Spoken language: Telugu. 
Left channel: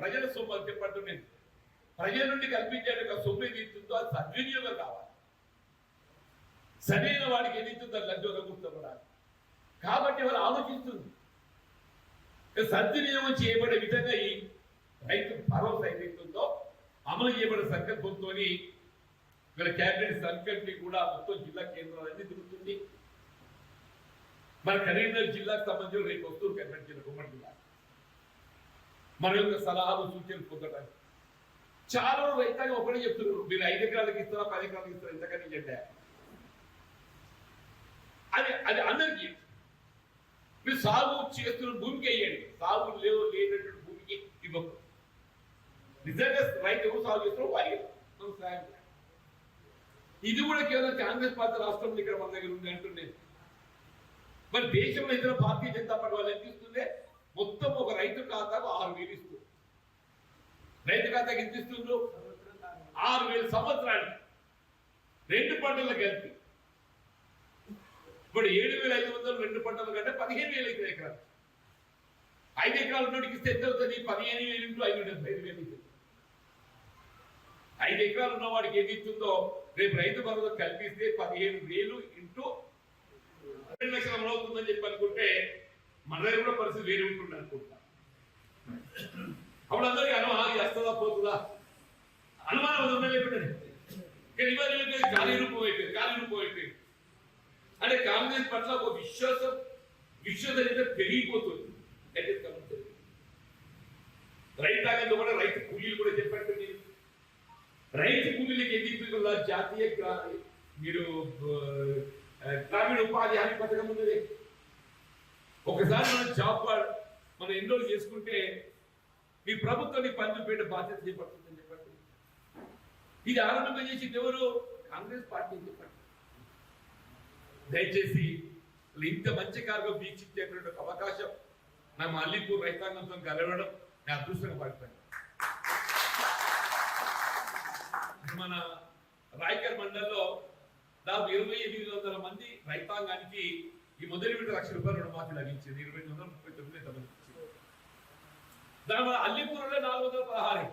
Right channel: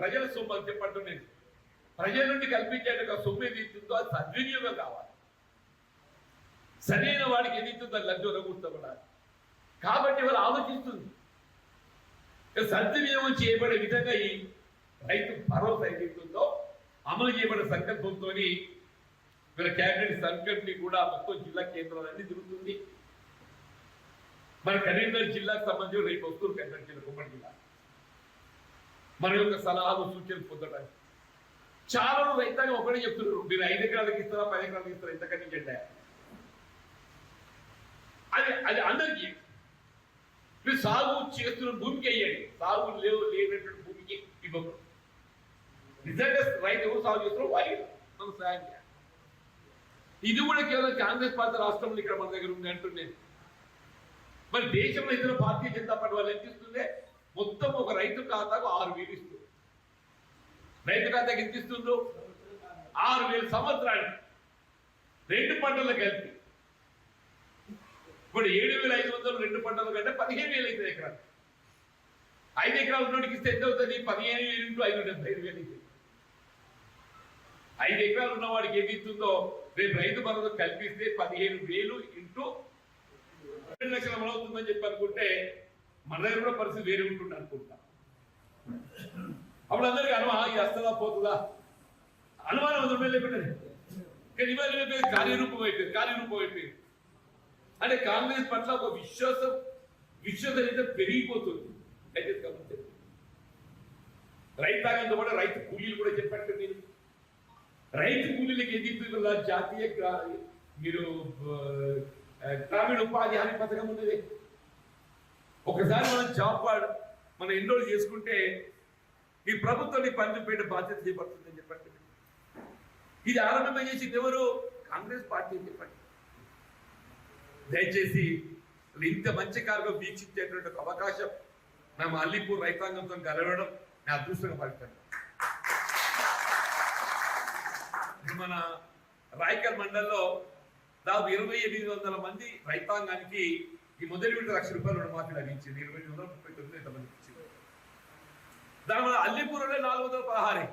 ప్రజల సొమ్ము అని చెప్పంటూ నేను ప్రజల నుండి కల్పించేట సొమ్ము ఏదైతుందో అది సద్వినియోగం కావాలి. సరైన వాడికి ఏదైతుందో లబ్ధి వరకూర్చబడాలి. కాబట్టి వాళ్ళు ఆలోచిస్తుంది సద్వినియోగం చేయబడే విధంగా ఈ రైతు భరోసా ఏదైతుందో అమలు చేయబడే సంకల్పంతో వీళ్ళ క్యాబినెట్ సంకల్పని కూడా మొత్తం జిల్లా కేంద్రాలన్నీ తిరుగుతుంది. మన కరీంనగర్ జిల్లాకు సంబంధించి రేపు వస్తువులు కరీంనగర్ జిల్లా ఉమ్మడి జిల్లా మన యొక్క సలహాలు సూచనలు పొందడానికి చాలా రైతాంగం ఒకటే చెప్తున్నారు, మీరు 5 ఎకరాలకు ఇస్తారా 10 ఎకరాలకు ఇస్తారా ఇంతకని జెండా అది అందరికీ. మీరు సాగు చేస్తున్న భూమికి వేయండి, సాగు లేనటువంటి భూమికి ఇవ్వకూడదు. నిజంగా రైతు ఎవరు సాగు చేస్తున్నారో వారికి మనం సాయం చేయాలి. ఇది కూడా కేవలం కాంగ్రెస్ పార్టీ రాష్ట్రంలో ఇక్కడ మన దగ్గర ఉంది అంటున్నాను. మరి దేశంలో ఇతర భారతీయ జనతా పార్టీ వాళ్ళు ఎంత ఇస్తుందే మొత్తం ఒక రైతు ఖాతాకు 6,000 ఇస్తుంది. రైతు ఖాతాకి ఎంత ఇస్తుందో 6,000 సంవత్సరానికి 2 పంటలు కలిపి. ఇప్పుడు 7,500 2 పంటలు కంటే 15,000 అవుతుంది ఎకరాలు. 5 ఎకరాలు ఉన్నోడికి ఇస్తే ఎంత అవుతుంది? 15,000 ఇంటూ 5 75,000 అవుతుంది. 5 ఎకరాలు ఉన్నవాడికి ఏది ఇస్తుందో రేపు రైతు భరోసా కల్పిస్తే 15,000 ఇంటూ 2 లక్షలు అమలవుతుందని చెప్పి అనుకుంటే మన దగ్గర కూడా పరిస్థితి వేరే ఉంటుంది అనుకుంటా. అప్పుడు అందరికీ ఇది వస్తుందా పోతుందా అనుమానం అది ఉండలేకపోయింది. కానీ ఇవాళ కార్యరూపం అయిపోయింది. అంటే కాంగ్రెస్ పట్ల ఒక విశ్వసనీయత పెరిగిపోతుంది. అయితే రైతాంగంతో కూడా రైతు కూలీలు కూడా చెప్పండి. మీరు రైతు కూలీలకు ఎదిగిపోయిన జాతీయ మీరు గ్రామీణ ఉపాధి హామీ పథకం ఉన్నది. ఒకసారి మనం జాబ్ మనం ఎన్రోల్ చేసుకుంటే నీ ప్రభుత్వం నీ పని చూపేట బాధ్యత చేపడుతుందని చెప్పండి. ఇది ఆరంభం చేసింది ఎవరు? కాంగ్రెస్ పార్టీ అని చెప్పండి. దయచేసి ఇంత మంచి కార్యక్రమం వీక్షించేటువంటి ఒక అవకాశం నా అల్లీపూర్ రైతాంగంతో కలవడం నా అదృష్టంగా భావిస్తాను. మన రాయకల్ మండలంలో దాదాపు 2,800 మంది రైతాంగానికి ఈ మొదటి విడత ₹1,00,000 రుణమాఫీ లభించింది. 2,839 ఎంతమంది ఇచ్చింది. దాని మన అల్లీపూర్లో 416.